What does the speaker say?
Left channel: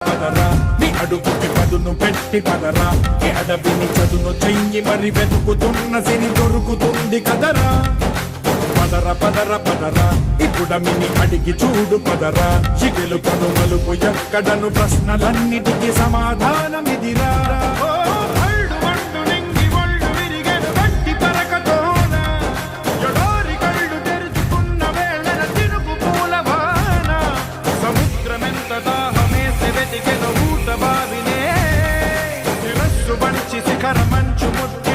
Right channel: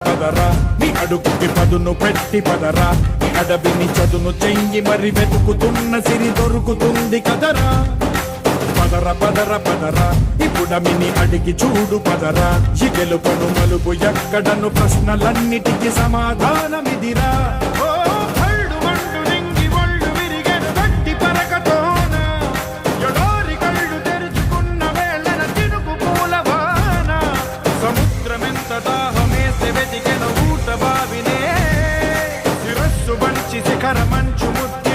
పదరా నీ అడుగుకి పదును పెట్టి పదరా నీ అడవిని చదును చెయ్యి మరి వెతుకుతున్న సిరి దొరుకుతుంది కదరా పదర పదర పదరా ఇప్పుడమిని అడిగి చూడు పదరా చిగెలు పను మలుపు ఎక్కడను ప్రశ్నలన్నిటికీ సమాధానమిదిరా ఓ భళ్ళు వండు నింగి ఒళ్ళు విరిగెను గట్టి పరకతోన ఎడారి కళ్ళు తెరుచుకున్న వేళన తినుకు పూలవాన సముద్రమెంత దాహమేసె వెతికెను ఊట బావినే శిరస్సు వంచి శిఖర మంచు ముద్ద